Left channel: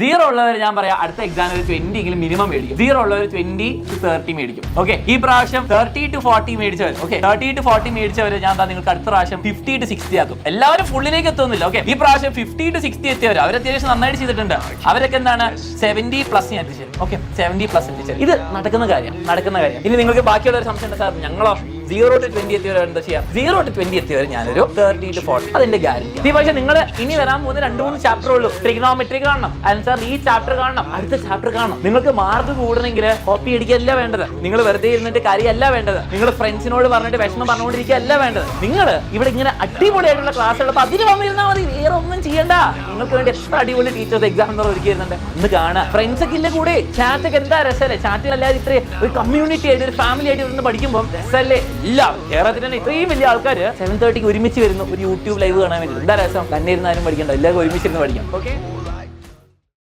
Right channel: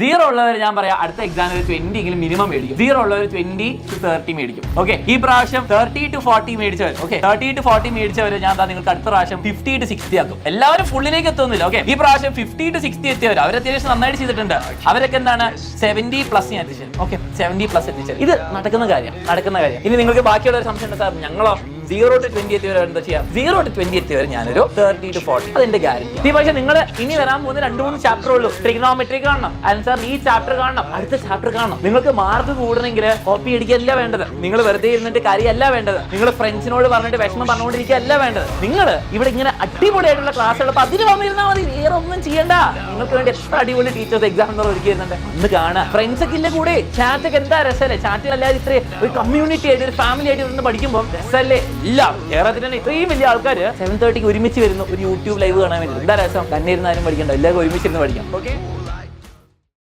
0 ഉള്ളവർ ഞാൻ പറയാം അടുത്ത എക്സാമിൽ 20 എങ്കിലും മിനിമം മേടിക്കും. 0 ഉള്ളവർ 20 to 30 മേടിക്കും. ഓക്കെ, ഈ പ്രാവശ്യം 30 to 40 മേടിച്ചവർ, ഓക്കെ 30 to 40 മേടിച്ചവർ ഞാൻ നിങ്ങൾക്ക് അടുത്ത പ്രാവശ്യം 50 to 60 ആക്കും. എല്ലാവരും ഫുള്ളിലേക്ക് എത്തുന്നില്ല. ഓക്കെ, ഈ പ്രാവശ്യം 50 to 60 എത്തിയവർ അവർ അത്യാവശ്യം നന്നായിട്ട് ചെയ്തിട്ടുണ്ട്. അവരൊക്കെ എന്താണ് 70+ ഞാൻ എത്തിച്ചത്. ഓക്കെ, 70+ എത്തിച്ചത്. ഇത് നടക്കുന്ന കാര്യം. ഇനി നിങ്ങൾക്ക് ബാക്കിയുള്ള ഒരു സംശയം സാർ, ഞങ്ങളോ 0 to 20 എത്തിയവർ എന്താ ചെയ്യാം? 0 to 20 എത്തിയവർ ഞാനൊരു 30 to 40 അതിന്റെ കാര്യം. ഈ പക്ഷേ നിങ്ങളുടെ ഇനി വരാൻ പോകുന്ന 2-3 ചാപ്റ്ററുകൾ ട്രിഗണോമെട്രി കാണണം, അല്ലെങ്കിൽ സാർ ഈ ചാപ്റ്റർ കാണണം, അടുത്ത ചാപ്റ്റർ കാണണം. നിങ്ങൾക്ക് മാർക്ക് കൂടണമെങ്കിൽ കോപ്പി അടിക്കല്ല വേണ്ടത്, നിങ്ങൾ വെറുതെ ഇരുന്നിട്ട് കാര്യമല്ല വേണ്ടത്, നിങ്ങൾ ഫ്രണ്ട്സിനോട് പറഞ്ഞിട്ട് വിഷമം പറഞ്ഞുകൊണ്ടിരിക്കുകയല്ല വേണ്ടത്. നിങ്ങൾ ഇവിടെ ഇങ്ങനെ അടിപൊളിയായിട്ടുള്ള ക്ലാസ് ഉള്ളപ്പോൾ അതിന് വന്നിരുന്നാൽ മതി, വേറെ ഒന്നും ചെയ്യണ്ട. നിങ്ങൾക്ക് വേണ്ടി എത്ര അടിപൊളി ടീച്ചേഴ്സ് എക്സാം ഒരുക്കി തരുന്നുണ്ട്, ഒന്ന് കാണാം. ഫ്രണ്ട്സ് ഒക്കെ ഇല്ല കൂടെ, ചാറ്റൊക്കെ എന്താ രസമല്ലേ? ചാറ്റിൽ അല്ലാതെ ഇത്രയും ഒരു കമ്മ്യൂണിറ്റി ആയിട്ട് ഒരു ഫാമിലി ആയിട്ട് ഇരുന്ന് പഠിക്കുമ്പോൾ രസമല്ലേ? ഇല്ല, കേരളത്തിൽ തന്നെ ഇത്രയും വലിയ ആൾക്കാർ 7:30 ഒരുമിച്ച് വരുന്നു ഒരു യൂട്യൂബ് ലൈവ് കാണാൻ വേണ്ടി. എന്താ രസം? തന്നെ ഇരുന്നാലും പഠിക്കണ്ട, എല്ലാവർക്കും ഒരുമിച്ചിരുന്ന് പഠിക്കാം. ഓക്കെ.